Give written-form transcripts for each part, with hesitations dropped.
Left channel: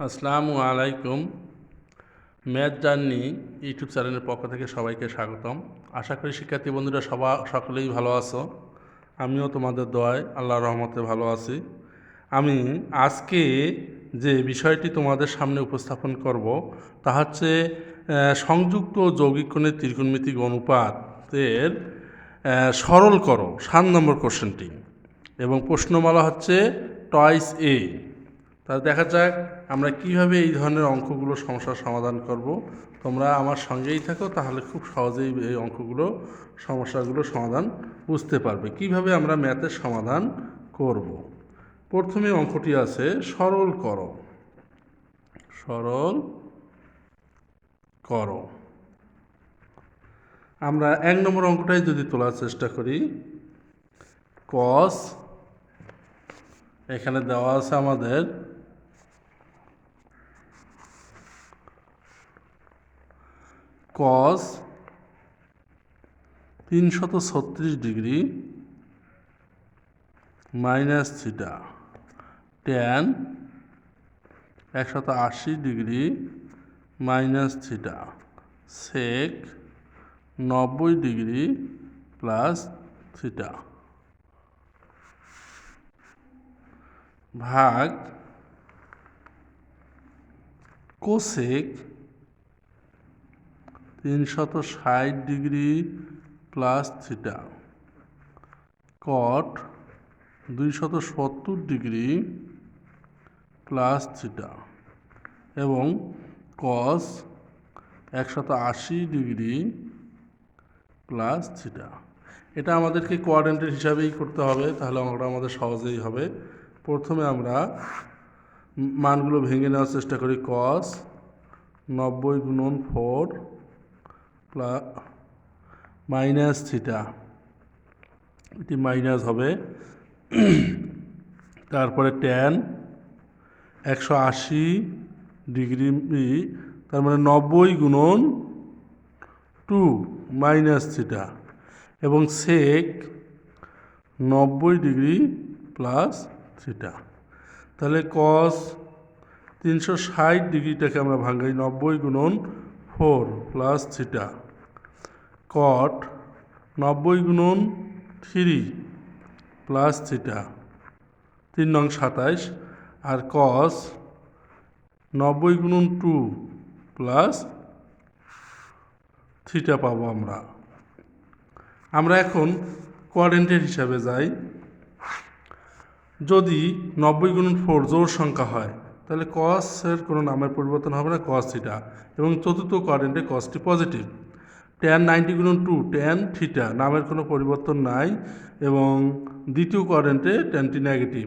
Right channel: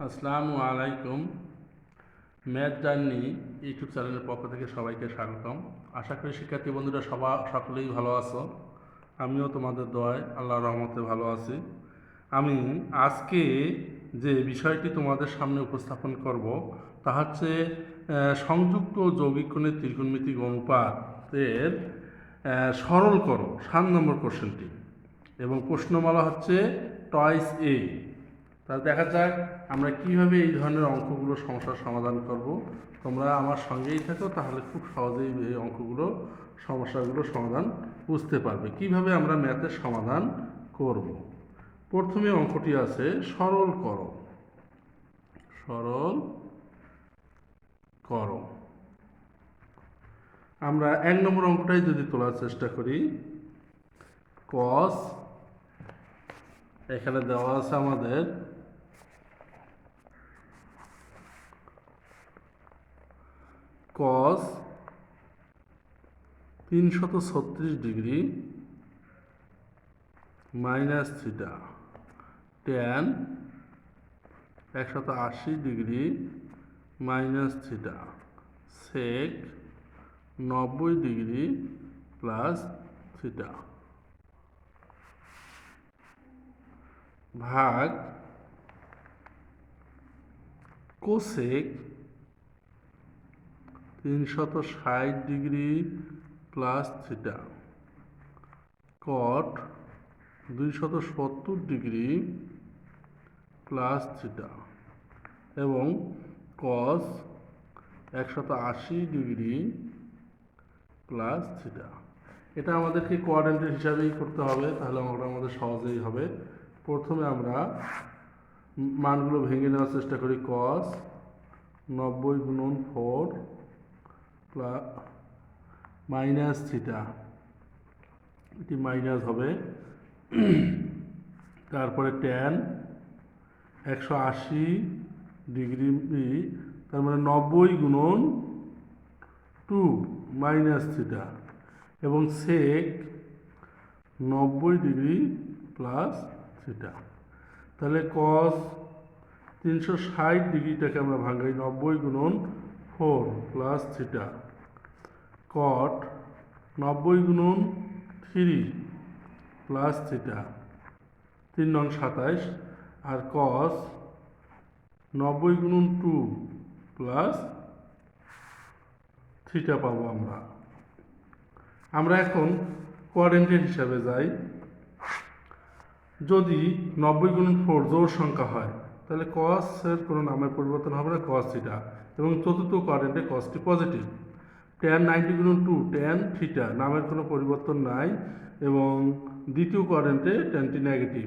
আসসালামু আলাইকুম। Math journey YouTube চ্যানেলের পক্ষ থেকে সবাইকে স্বাগতম। আশা করি শিক্ষার্থী বন্ধুরা সকলেই ভালো আছো। আমিও তোমাদের দোয়ায় আল্লাহর রহমতে ভালো আছি। আমি আজকে যে বিষয়টি তোমাদের সামনে উপস্থাপন করব তা হচ্ছে সংযুক্ত যৌগিক কোণের ত্রিকোণমিতিক অনুপাতের সরল করো 7 নম্বর কোশ্চেনটি, এবং প্রশ্নমালা হচ্ছে টয়েস এ। তাহলে দেখা যাক আমরা কিভাবে এই ধরনের অঙ্কগুলো সমস্যার সমাধান করব। তোমরা আমার সঙ্গেই থাকো, তাহলে খুব সহজেই এই সমস্যাগুলো সমাধান বুঝতে পারবে কিভাবে আমরা ম্যাথের সমাধান করব। প্রথমে অঙ্কটি আছে সরল করো। সরল করো। আমরা 1 নম্বর অঙ্কটাই যদি তোলার চেষ্টা করি, কস এখানে দেওয়া আছে আমাদের cos 336 degree minus theta, tan 180 degree minus theta, sec 90 degree plus theta, ভাগ cosec 360 degree plus theta, cot 270 degree plus theta, এবং কস 180 ডিগ্রি প্লাস থিটা। এটা আমাদেরকে কোয়াড্রেন্টের হিসাবেই করতে হবে, তাহলে অঙ্কটা আমাদের সহজেই হবে। প্রথমে আমরা মানগুলো ভেঙে নেওয়ার চেষ্টা করি। কস 90 গুণন 4 প্লাস মাইনাস থিটা, এটি মাইনাস হবে। তারপরে ট্যান 180 ডিগ্রি, তার মানে 90 গুণন 2 মাইনাস থিটা, এবং সেক 90 ডিগ্রি প্লাস থিটা। তাহলে কস 360 ডিগ্রিটাকে আমরা ভাঙাই 90 গুণন 4 প্লাস থিটা, কট 90 গুণন 3 প্লাস থিটা, 3 নং 27, আর কস 90 গুণন 2 প্লাস থিটা পাবো আমরা এখন কোয়াড্রেন্টের হিসাবে যাই। যদি 90 গুণন 4 জোড় সংখ্যা হয়, তাহলে কসের কোনো নামের পরিবর্তন হবে না, কস থিটা, এবং চতুর্থ কোয়াড্রেন্টে কসটি পজিটিভ। ট্যান 90 গুণন 2 ট্যান থিটা, নামের কোনো পরিবর্তন নাই, এবং দ্বিতীয় কোয়াড্রেন্টে ট্যানটি নেগেটিভ।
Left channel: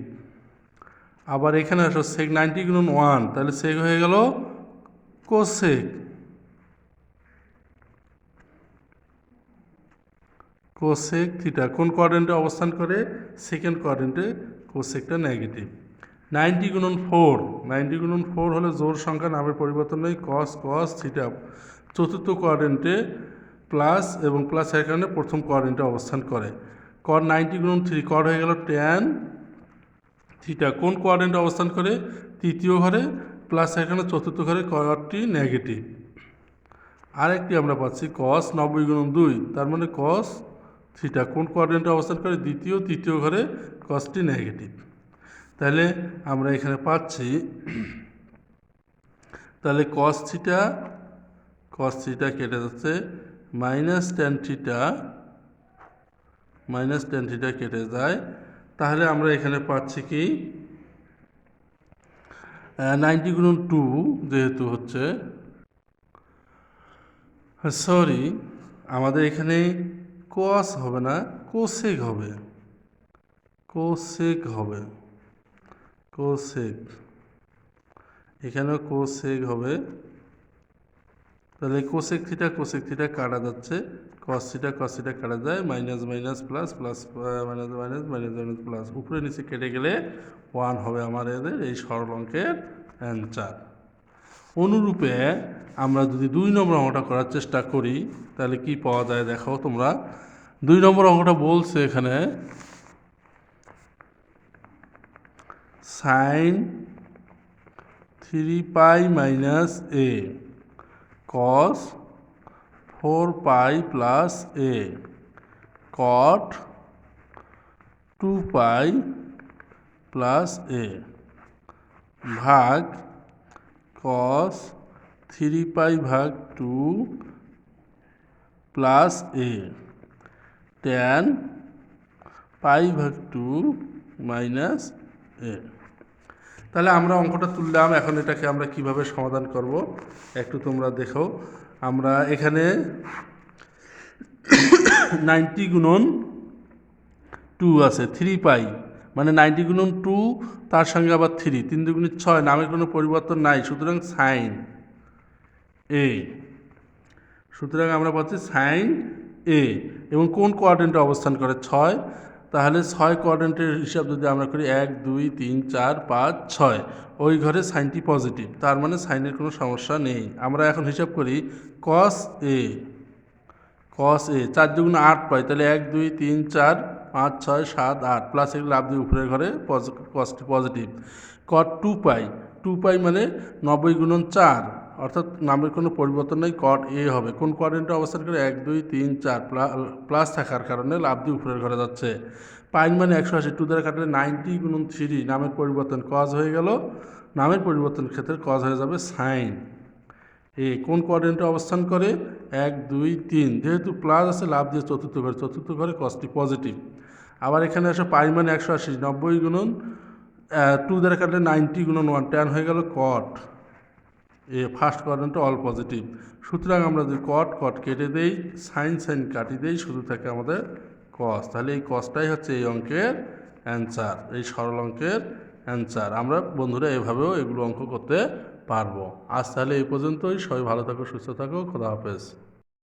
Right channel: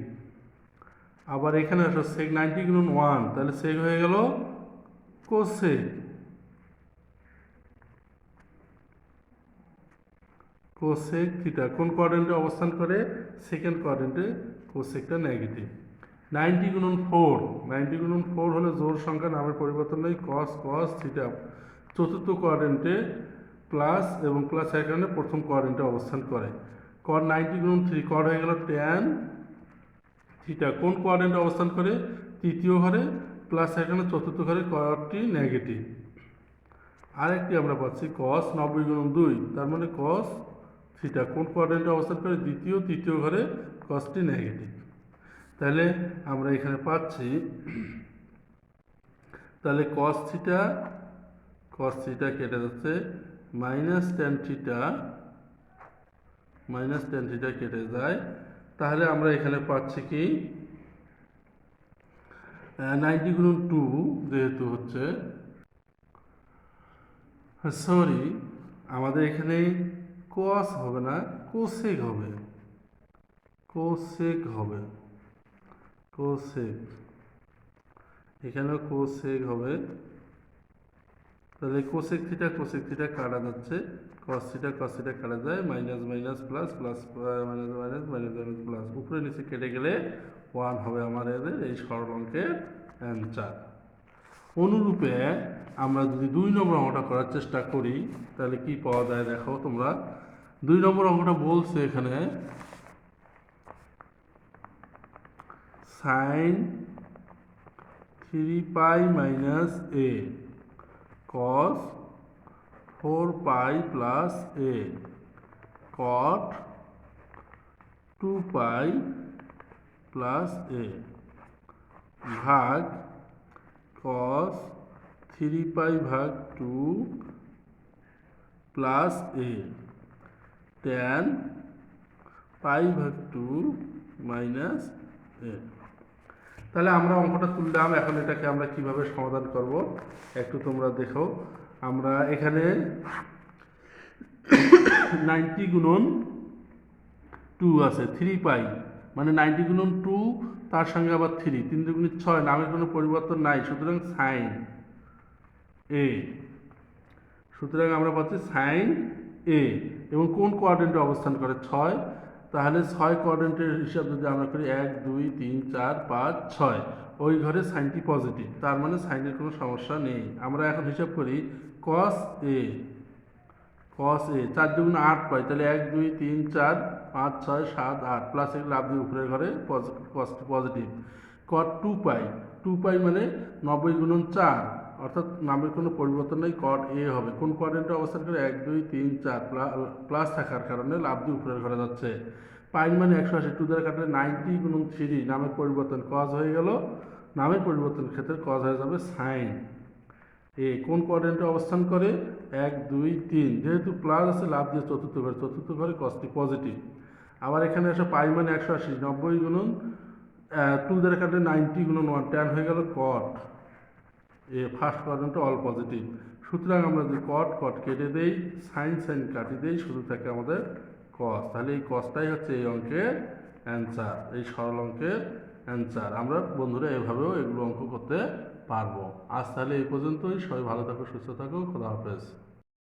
আবার এখানে আসো সেক 90 গুণন 1, তাহলে সেক হয়ে গেল কোসেক। কোসেক থিটা কোন কোয়াড্রেন্টে অবস্থান করে? সেকেন্ড কোয়াড্রেন্টে। কোসেকটা নেগেটিভ। 90 গুণন 4, 90 গুণন 4 হলে জোড় সংখ্যা, নামের পরিবর্তন নেই, কস কস থিটা, চতুর্থ কোয়াড্রেন্টে প্লাস, এবং প্লাস এর কারণে প্রথম কোয়াড্রেন্টে অবস্থান করে। কট 90 গুণন 3, কট হয়ে গেল ট্যান থিটা, কোন কোয়াড্রেন্টে অবস্থান করে? তৃতীয় ঘরে, প্লাস এখানে চতুর্থ ঘরে, কটটি নেগেটিভ। আরেকটি আমরা পাচ্ছি কস 90 গুণন 2, তার মানে কস থিটা কোন কোয়াড্রেন্টে অবস্থান করে? তৃতীয় ঘরে, কসটি নেগেটিভ। তাহলে আমরা এখানে পাচ্ছি, তাহলে কস থিটা কেটে যাচ্ছে, মাইনাস ট্যান থিটা কেটে যায়। তাহলে আমরা এখানে পাচ্ছি কি 90 গুণন 2 যেহেতু হচ্ছে, সরি, আমাদের এখানে কস হবে না, কোসেক হবে। এখানেও কোসেক হবে। তাহলে কোসেক থিটা কাটা যাচ্ছে, কস থিটা কাটা যায়, minus minus plus plus minus minus minus minus plus, উপরে নিচে কেটে গেলে 1 হবে আমাদের এই সরল অঙ্কের অ্যান্সার। অনুরূপে আমরা যদি 2 নম্বর অঙ্কটা করার চেষ্টা করি, তাহলে কি পাওয়া যায় দেখো তোমরা। 2 নম্বর অঙ্কটা বলছে এখানে সাইন 3 পাই মাইনাস এ কস 4 পাই প্লাস এ কট 2 পাই প্লাস এ ভাগ কস 3 পাই ভাগ 2 প্লাস এ ট্যান পাই ভাগ 2 মাইনাস এ। তাহলে আমরা অঙ্কটা তুললাম, এখন এটাকে আমরা কিভাবে সমাধান করব একটু তোমরা দেখো। আমরা এখানে 90 গুণন 2 আছে, 3 পাই মানে 90 গুণন 2, তার সঙ্গে আবার 3, 3 দুগুণে 6, নামের কোনো পরিবর্তন নাই, সুতরাং সাইন এ। সুতরাং আমরা পাচ্ছি সাইন এ এবং কোন কোয়াড্রেন্টে অবস্থান করে 6, তাহলে 6 কোয়াড্রেন্টের হিসাব যদি আমরা করি 1 2 3 4 5 6, ওই ঘরে সাইনটি পজিটিভ, তার মানে সাইনের কোনো সমস্যা নেই। আমরা এখন হিসাব করি কস এ, কস এ 4 দুগুণে 8 পাই, তাহলে 1 2 3 4 5 6 7 8 প্লাস এগুলো লাভ দিয়ে উপরের ঘরে কসটি পজিটিভ। কট 2 পাই, 2 পাই মানে 90 গুণন 4, অর্থাৎ নামের কোনো পরিবর্তন নেই, কট এ হবে। কোন কোয়াড্রেন্টে অবস্থান করে 1 2 3 4 প্লাস থাকার কারণে লাভ দিয়ে উপরের ঘরে যাচ্ছে। পাই মানে 180, 2 দ্বারা কাটলে 90 গুণন 3, নামের পরিবর্তন কজ হয়ে গেল, নামের পরিবর্তন ক্ষেত্রে কজ হয়ে যাবে সাইন এ। কোন কোয়াড্রেন্টে অবস্থান করে 1 2 3, যেহেতু প্লাস আছে লাভ দিয়ে চতুর্থ ঘরে কসটি পজিটিভ। আবার এখানে আসে পাই মানে 180, 90 গুণন 2 দ্বারা কাটলে 90 গুণন 1, ট্যান হয়ে গেল কট এ, ফার্স্ট কোয়াড্রেন্টে অল পজিটিভ। সুতরাং আমরা যদি কট কেটে দেই, সাইন কাটি দেই, শুধু থাকে আমাদের কস। তাহলে এই কসটাই হচ্ছে এই অঙ্কের অ্যান্সার, এই সরল অঙ্কের অ্যান্সার। আমরা বন্ধুরা এভাবেও এগুলো অঙ্ক করতে পারবো। আজ তাহলে এই পর্যন্তই। সবাই ভালো থাকো, সুস্থ থাকো, খোদা হাফেজ।